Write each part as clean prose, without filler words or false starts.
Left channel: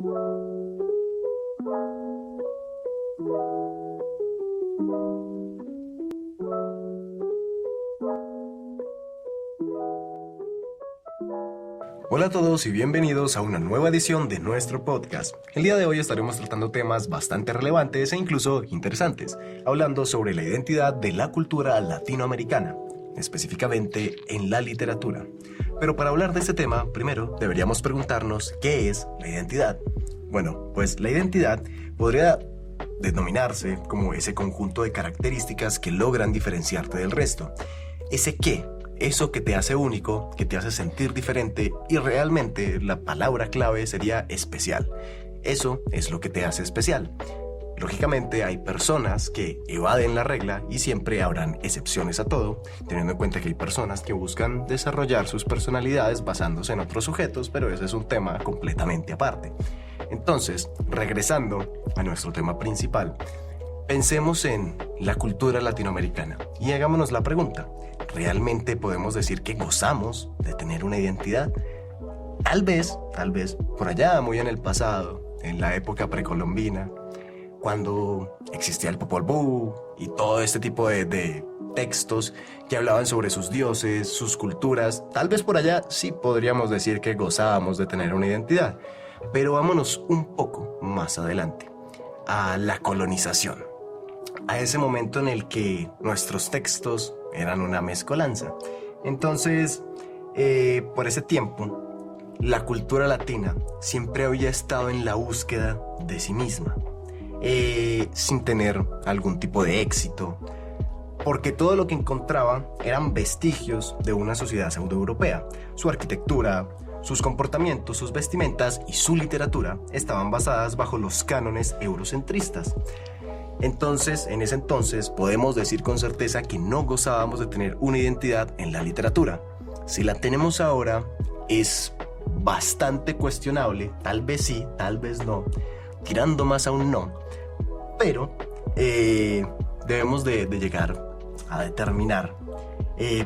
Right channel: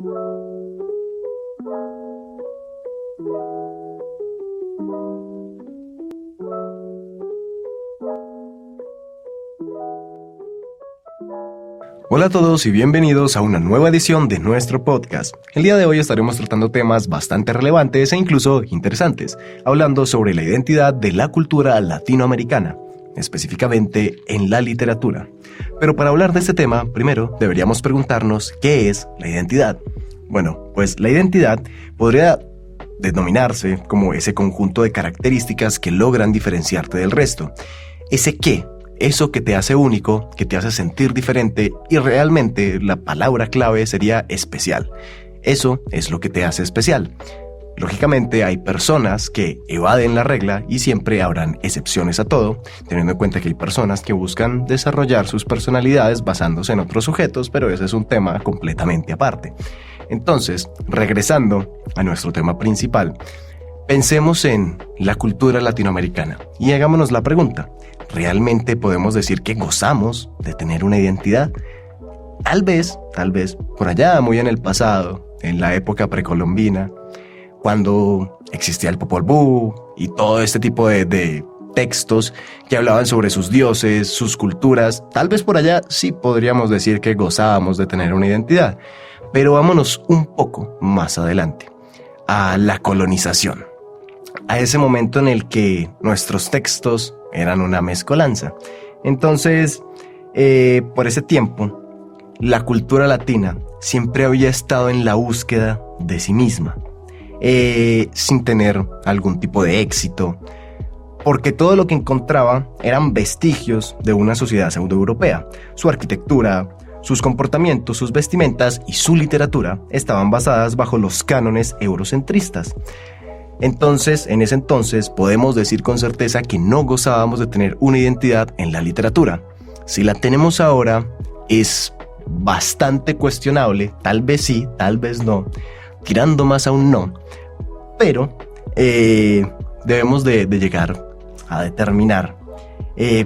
Hola a todos y bienvenidos a una nueva edición de nuestro podcast. El día de hoy estaremos tratando temas bastante relevantes e incluso interesantes, hablando sobre la identidad de la cultura latinoamericana, específicamente en la literatura. Pero para hablar de este tema, primero deberíamos preguntarnos ¿qué es la identidad? Bueno, pues la identidad podría denominarse como ese conjunto de características que logran diferenciarte del resto. Ese qué. Eso que te hace único, que te hace sentir diferente y realmente la palabra clave sería especial. Eso es lo que te hace especial. Lógicamente hay personas que evaden la regla y siempre habrán excepciones a todo, teniendo en cuenta que hay personas que buscan desarrollar sus personalidades basándose en otros sujetos, pero ese es un tema completamente aparte. Entonces, regresando a nuestro tema principal, pensemos en la cultura latinoamericana y hagámonos la pregunta. ¿Realmente podemos decir que gozamos de tener una identidad? Tal vez, por allá muy en el pasado, en la época precolombina, cuando existía el Popol Vuh y todo este tipo de textos que hablaban sobre sus dioses, sus culturas, tal vez por allá sí podríamos decir que gozábamos de tener una identidad. Pero vámonos un poco más adelante, a la colonización, a ese momento en el que nuestros textos eran una mezcolanza. Entonces, por ese tiempo, la cultura latina siempre había estado en la búsqueda de sí misma, sin tener algún tipo de éxito, porque todo lo que encontraba eran vestigios de una sociedad pseudoeuropea. Su arquitectura, sus comportamientos, sus vestimentas y su literatura estaban basadas bajo los cánones eurocentristas. Entonces, en ese entonces, podemos decir con certeza que no gozábamos de tener una identidad en la literatura. Si la tenemos ahora, es bastante cuestionable, tal vez sí, tal vez no, tirando más a un no, pero debemos de llegar a determinar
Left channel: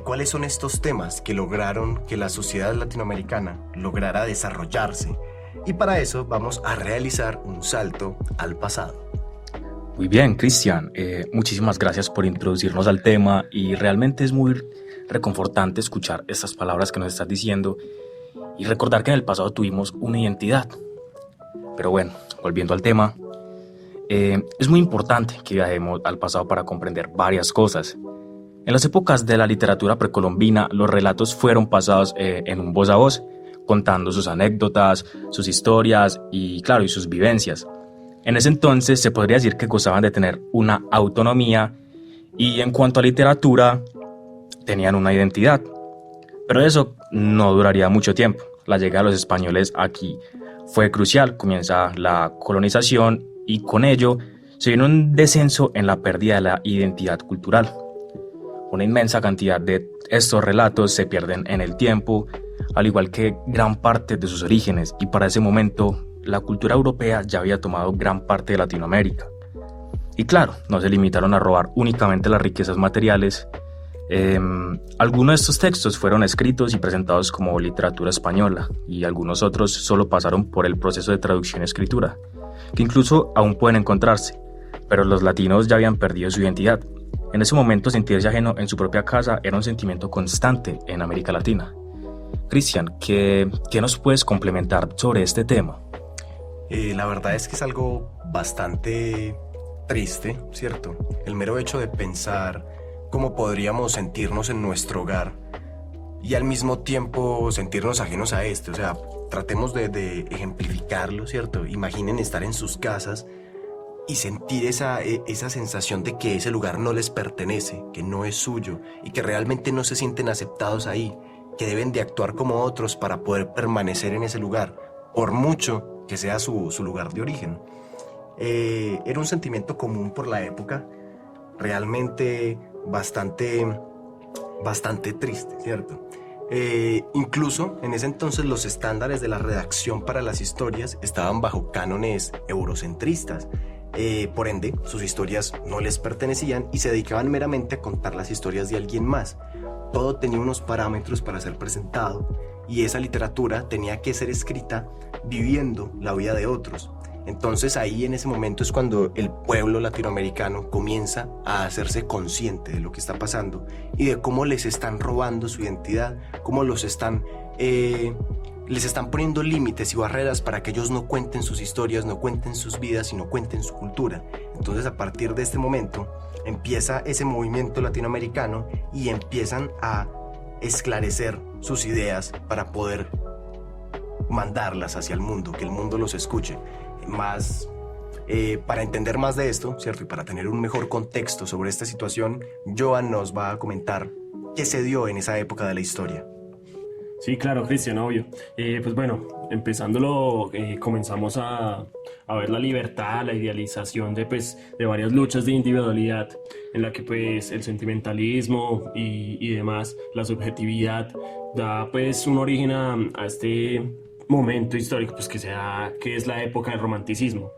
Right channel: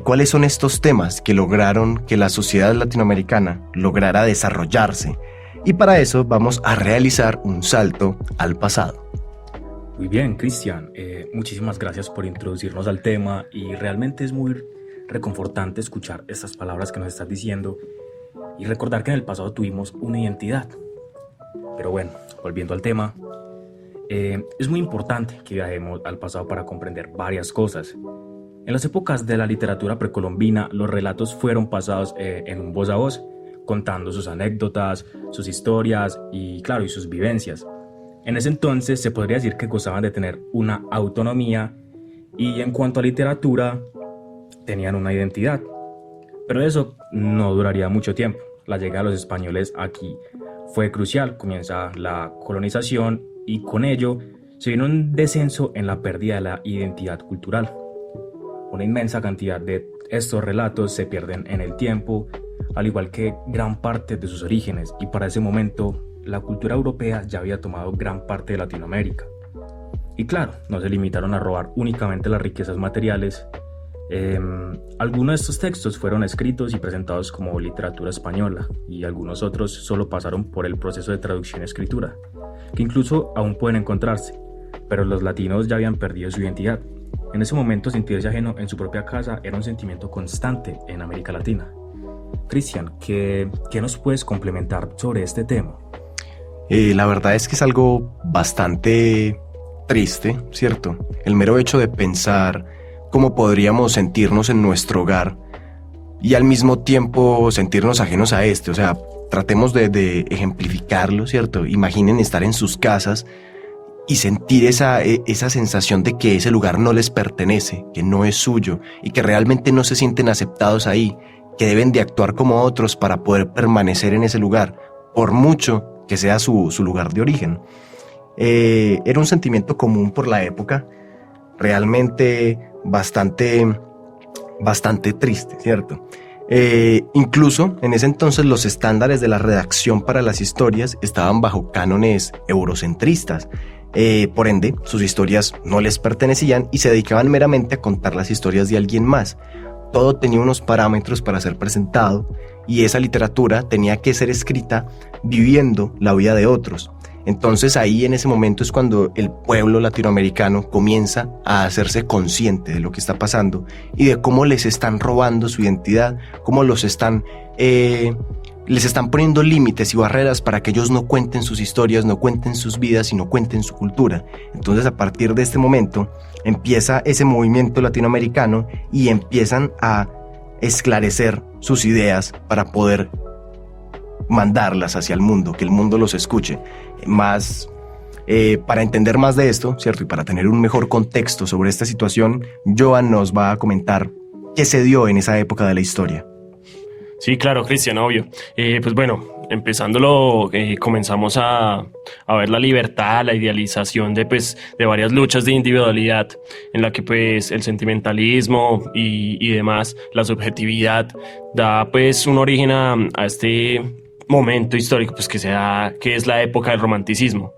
cuáles son estos temas que lograron que la sociedad latinoamericana lograra desarrollarse, y para eso vamos a realizar un salto al pasado. Muy bien, Cristian, muchísimas gracias por introducirnos al tema y realmente es muy reconfortante escuchar estas palabras que nos estás diciendo y recordar que en el pasado tuvimos una identidad. Pero bueno, volviendo al tema, es muy importante que viajemos al pasado para comprender varias cosas. En las épocas de la literatura precolombina, los relatos fueron pasados en un voz a voz, contando sus anécdotas, sus historias y, claro, y sus vivencias. En ese entonces se podría decir que gozaban de tener una autonomía y en cuanto a literatura tenían una identidad. Pero eso no duraría mucho tiempo. La llegada de los españoles aquí fue crucial. Comienza la colonización y con ello se vino un descenso en la pérdida de la identidad cultural. Una inmensa cantidad de estos relatos se pierden en el tiempo, al igual que gran parte de sus orígenes, y para ese momento la cultura europea ya había tomado gran parte de Latinoamérica. Y claro, no se limitaron a robar únicamente las riquezas materiales. Algunos de estos textos fueron escritos y presentados como literatura española, y algunos otros solo pasaron por el proceso de traducción y escritura, que incluso aún pueden encontrarse, pero los latinos ya habían perdido su identidad. En ese momento, sentirse ajeno en su propia casa era un sentimiento constante en América Latina. Cristian, ¿qué nos puedes complementar sobre este tema? La verdad es que es algo bastante triste, ¿cierto? El mero hecho de pensar cómo podríamos sentirnos en nuestro hogar y al mismo tiempo sentirnos ajenos a este. O sea, tratemos de ejemplificarlo, ¿cierto? Imaginen estar en sus casas y sentir esa sensación de que ese lugar no les pertenece, que no es suyo y que realmente no se sienten aceptados ahí, que deben de actuar como otros para poder permanecer en ese lugar, por mucho que sea su lugar de origen. Era un sentimiento común por la época, realmente bastante triste, ¿cierto? Incluso en ese entonces los estándares de la redacción para las historias estaban bajo cánones eurocentristas. Por ende, sus historias no les pertenecían y se dedicaban meramente a contar las historias de alguien más. Todo tenía unos parámetros para ser presentado y esa literatura tenía que ser escrita viviendo la vida de otros. Entonces ahí en ese momento es cuando el pueblo latinoamericano comienza a hacerse consciente de lo que está pasando y de cómo les están robando su identidad, cómo les están poniendo límites y barreras para que ellos no cuenten sus historias, no cuenten sus vidas y no cuenten su cultura. Entonces a partir de este momento empieza ese movimiento latinoamericano y empiezan a esclarecer sus ideas para poder mandarlas hacia el mundo, que el mundo los escuche. Para entender más de esto, ¿cierto? Y para tener un mejor contexto sobre esta situación, Joan nos va a comentar qué se dio en esa época de la historia. Sí, claro, Cristian, obvio. Pues bueno, empezándolo, comenzamos a ver la libertad, la idealización de varias luchas de individualidad, en la que pues el sentimentalismo y demás, la subjetividad, da pues un origen a este momento histórico pues que es la época del romanticismo,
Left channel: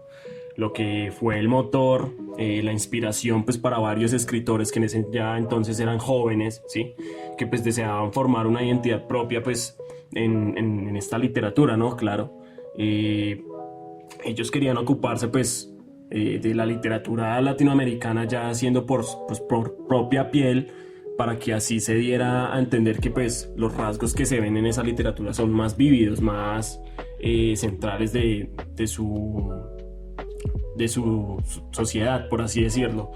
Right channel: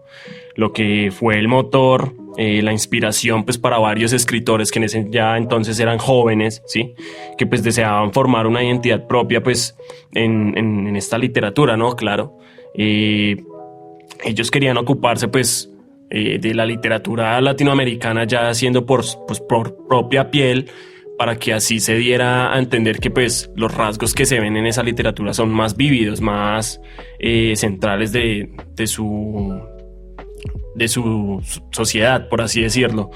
lo que fue el motor, la inspiración pues para varios escritores que ya entonces eran jóvenes, ¿sí? Que pues deseaban formar una identidad propia pues en esta literatura, ¿no? Claro. Ellos querían ocuparse pues de la literatura latinoamericana ya haciendo por propia piel, para que así se diera a entender que pues los rasgos que se ven en esa literatura son más vívidos, más centrales de su sociedad, por así decirlo.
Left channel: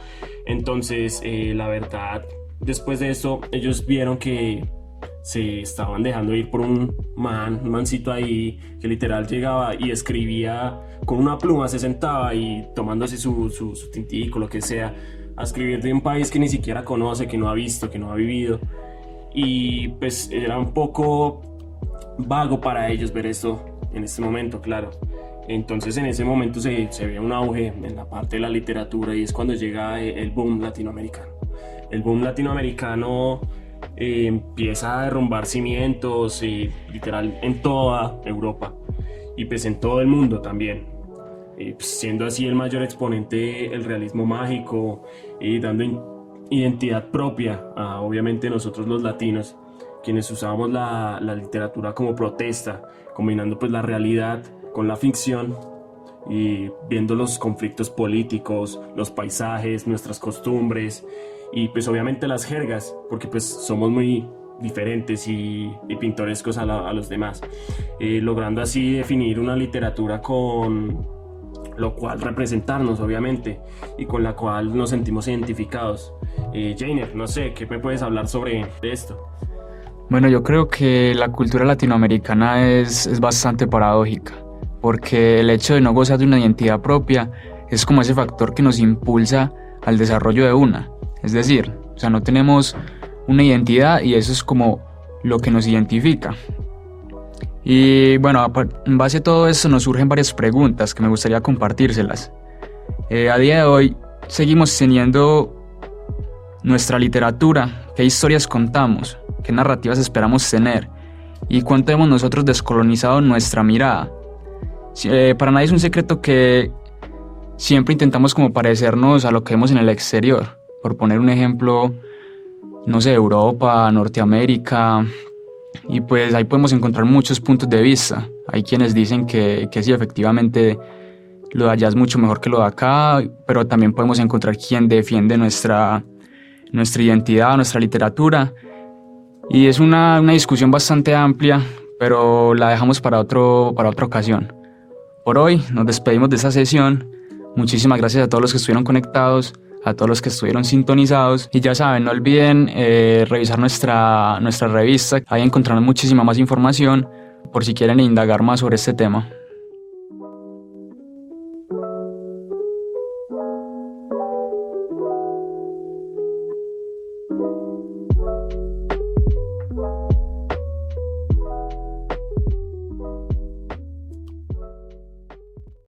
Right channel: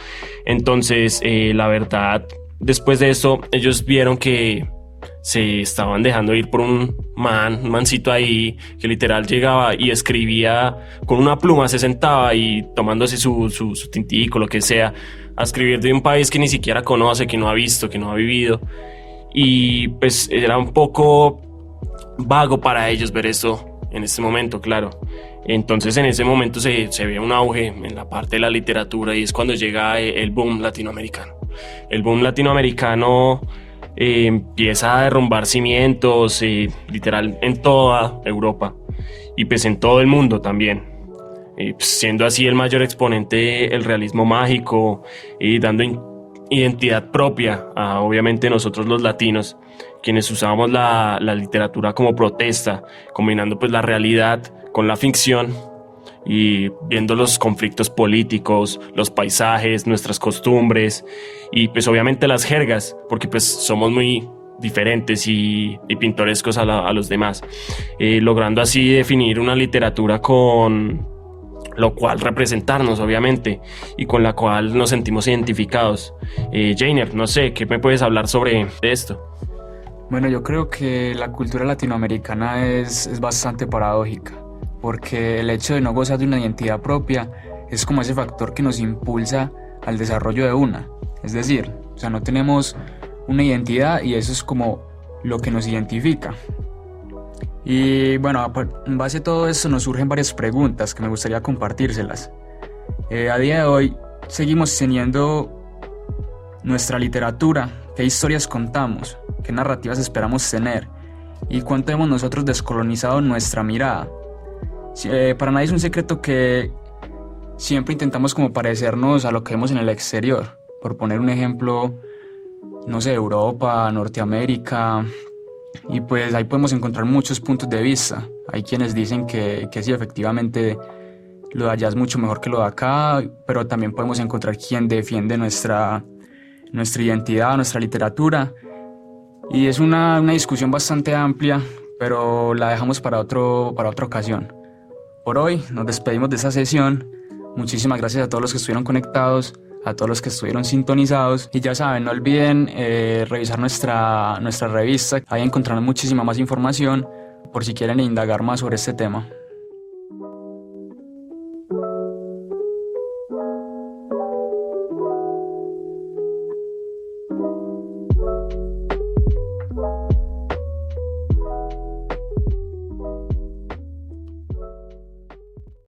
Entonces, la verdad, después de esto, ellos vieron que se estaban dejando ir por un mancito ahí, que literal llegaba y escribía con una pluma, se sentaba y tomándose su tintico, lo que sea, a escribir de un país que ni siquiera conoce, que no ha visto, que no ha vivido. Y pues era un poco vago para ellos ver esto en este momento, claro. Entonces en ese momento se ve un auge en la parte de la literatura y es cuando llega el boom latinoamericano. El boom latinoamericano empieza a derrumbar cimientos, literal en toda Europa y pues en todo el mundo también. Siendo así el mayor exponente el realismo mágico y dando identidad propia a obviamente nosotros los latinos, quienes usábamos la literatura como protesta, combinando pues la realidad con la ficción y viendo los conflictos políticos, los paisajes, nuestras costumbres y pues obviamente las jergas, porque pues somos muy diferentes y pintorescos a los demás, logrando así definir una literatura con lo cual representarnos obviamente y con la cual nos sentimos identificados. Jainer, no sé, ¿qué me puedes hablar sobre esto? Bueno, yo creo que la cultura latinoamericana es bastante paradójica, porque el hecho de no gozar de una identidad propia es como ese factor que nos impulsa al desarrollo de una. Es decir, o sea, no tenemos una identidad y eso es como lo que nos identifica. Y bueno, en base a todo eso nos surgen varias preguntas que me gustaría compartírselas. A día de hoy seguimos teniendo nuestra literatura, qué historias contamos, qué narrativas esperamos tener y cuánto hemos nosotros descolonizado nuestra mirada. Para nadie es un secreto que siempre intentamos como parecernos a lo que vemos en el exterior. Por poner un ejemplo, no sé, Europa, Norteamérica, y pues ahí podemos encontrar muchos puntos de vista. Hay quienes dicen que sí, efectivamente lo de allá es mucho mejor que lo de acá, pero también podemos encontrar quien defiende nuestra identidad, nuestra literatura. Y es una discusión bastante amplia, pero la dejamos para otra ocasión. Por hoy nos despedimos de esta sesión. Muchísimas gracias a todos los que estuvieron conectados, a todos los que estuvieron sintonizados. Y ya saben, no olviden revisar nuestra revista. Ahí encontrarán muchísima más información por si quieren indagar más sobre este tema.